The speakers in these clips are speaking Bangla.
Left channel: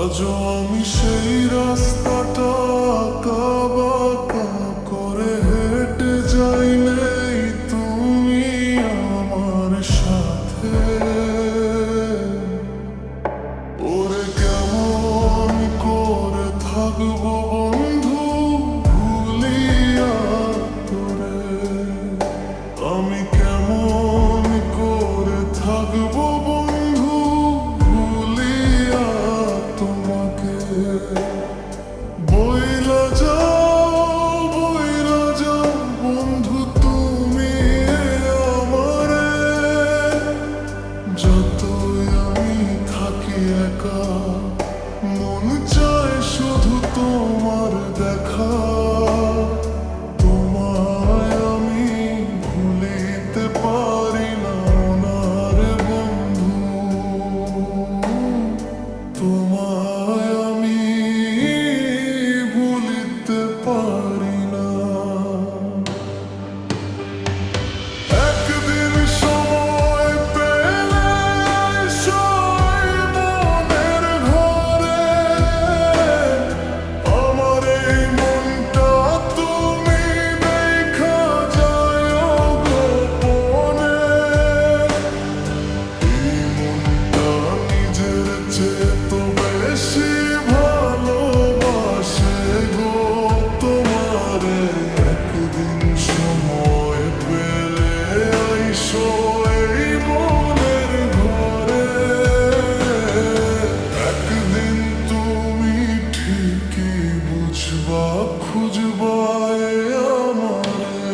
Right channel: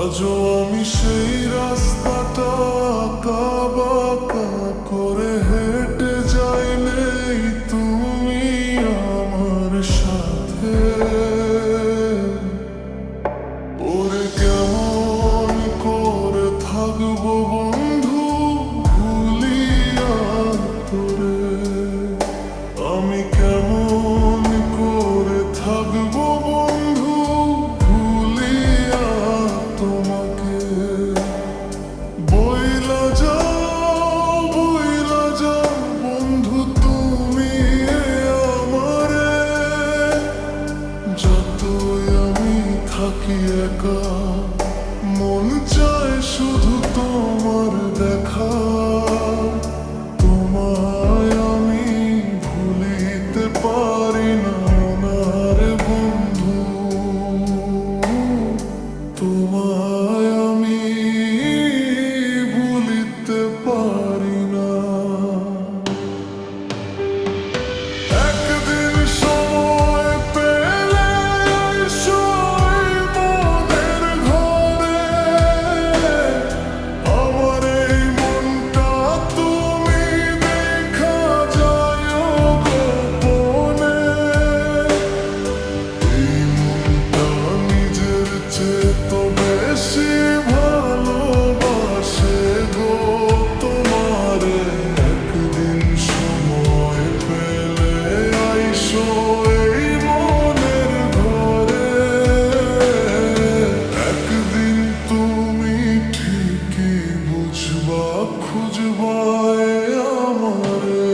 আজও আমি সেই রাস্তাটা আঁকা বাঁকা করে হেঁটে যাই, নেই তুমি আমার সাথে। ওরে কেমন করে থাকবো বন্ধু ভুলিয়া তোরে, আমি কেমন করে থাকবো বন্ধু ভুলিয়া তোমাকে। বইলা যাও বন্ধু তুমি আমারে, যতই আমি থাকি একা মন চায় শুধু তোমার দেখা। তোমায় আমি ভুলিতে পারি না ওনার বন্ধু, তোমায় আমি ভুলিতে পারি না। একদিন সময় পেলে সই মনের ঘরে, আমার এই মনটা তুমি দেখা যায় গোপনে। এই মনটা নিজের চেয়ে তো বেশি ভালোবাসে গো তোমারে। একদিন সময় পেলে আইসো এই মনের ঘরে, একদিন তুমি ঠিকই বুঝবা খুঁজবা আমারে।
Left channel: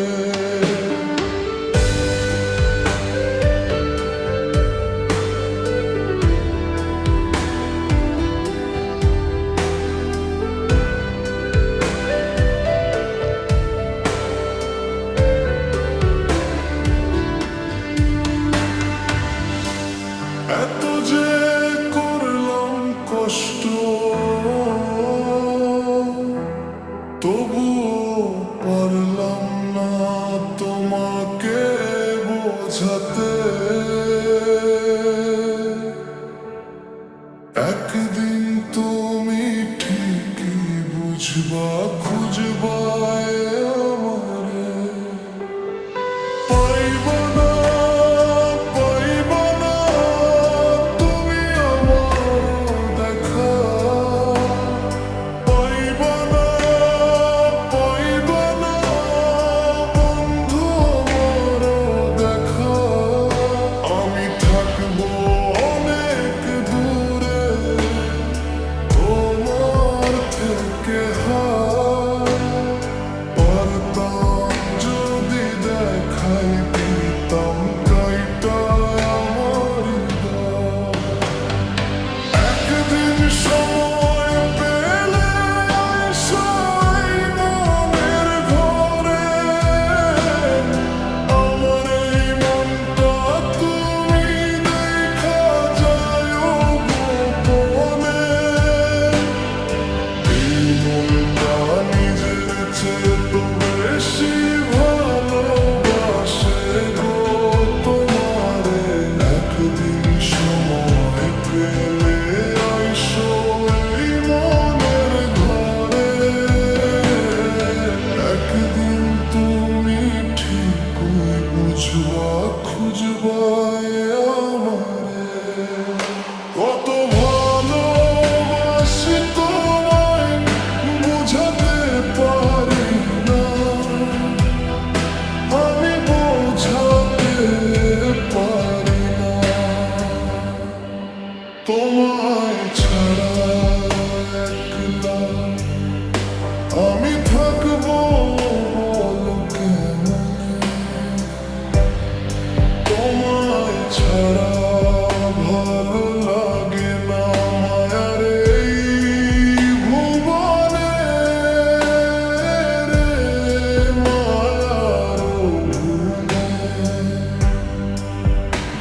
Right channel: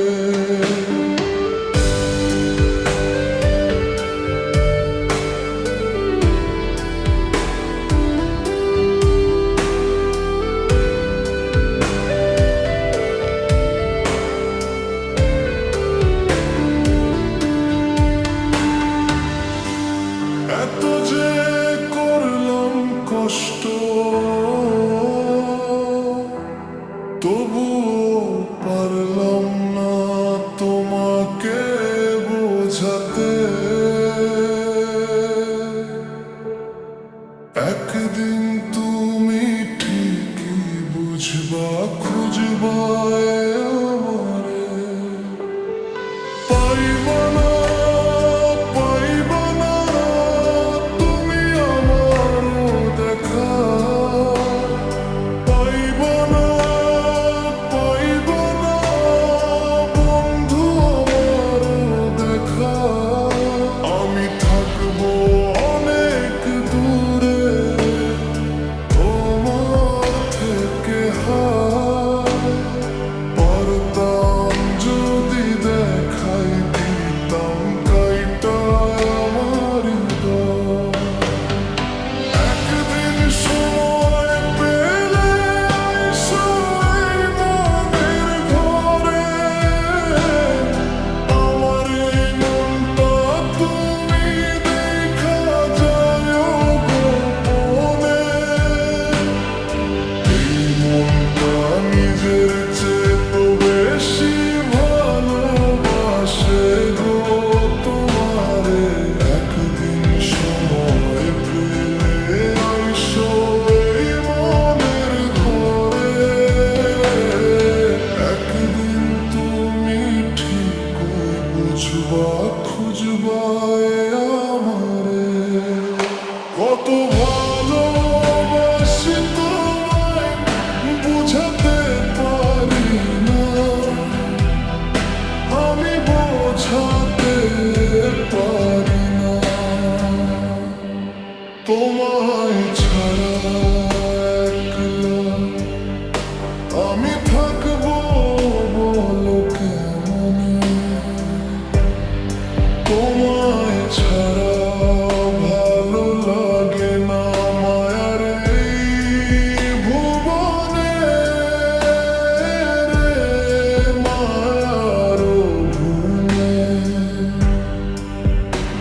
এত যে করলাম কষ্ট, তবুও পারলাম না তোমাকে বোঝাতে। একদিন তুমি ঠিকই বুঝবা খুঁজবা আমারে। পাইবা না তুমি আমারও দেখা, পাইবা না বন্ধু আমারও দেখা। আমি থাকবো অনেক দূরে তোমার থেকে, পারতাম যদি দেখাই দিতাম কাইটায় আমার হৃদয়। একদিন সময় পেলে আইসো এই মনের ঘরে, আমার এই মনটা তুমি দেখা যায় গোপনে। এই মনটা নিজের চেয়ে তো বেশি ভালোবাসে গো তোমারে। একদিন সময় পেলে আইসো এই মনের ঘরে, একদিন তুমি ঠিকই বুঝবা খুঁজবা আমারে। কত ভালোবাসি তোমায় বুঝাতে পারি না, আমি বোঝাতে পারি না। তোমায় ছাড়া একলা আমি থাকবো বলো কেমনে। তোমায় ছাড়া ভালো লাগে না মায়ার এই ভুবনে রে, মায়ার ভুবনে।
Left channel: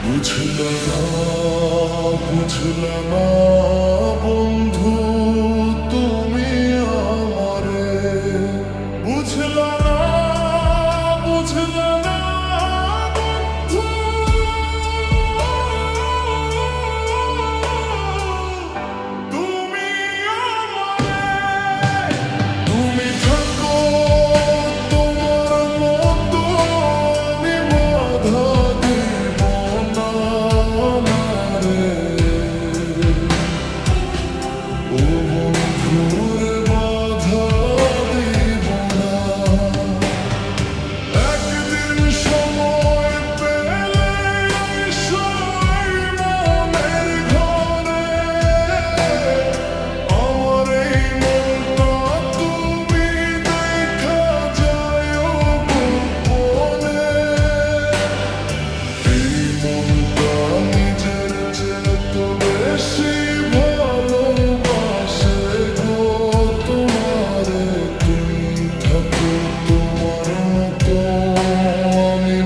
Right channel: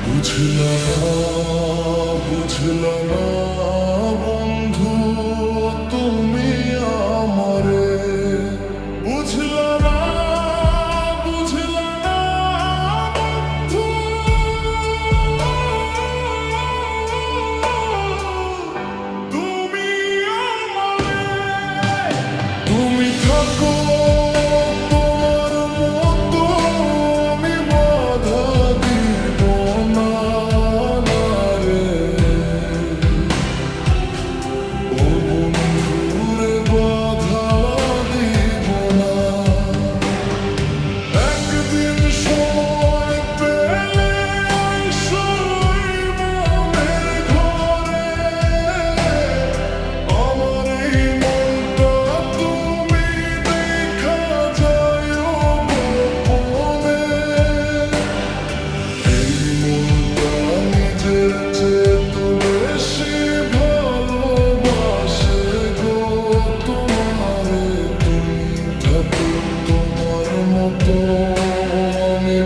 বুঝলা না বন্ধু তুমি আমারে, বুঝলা না বন্ধু তুমি থাকো তোমার মতো আমি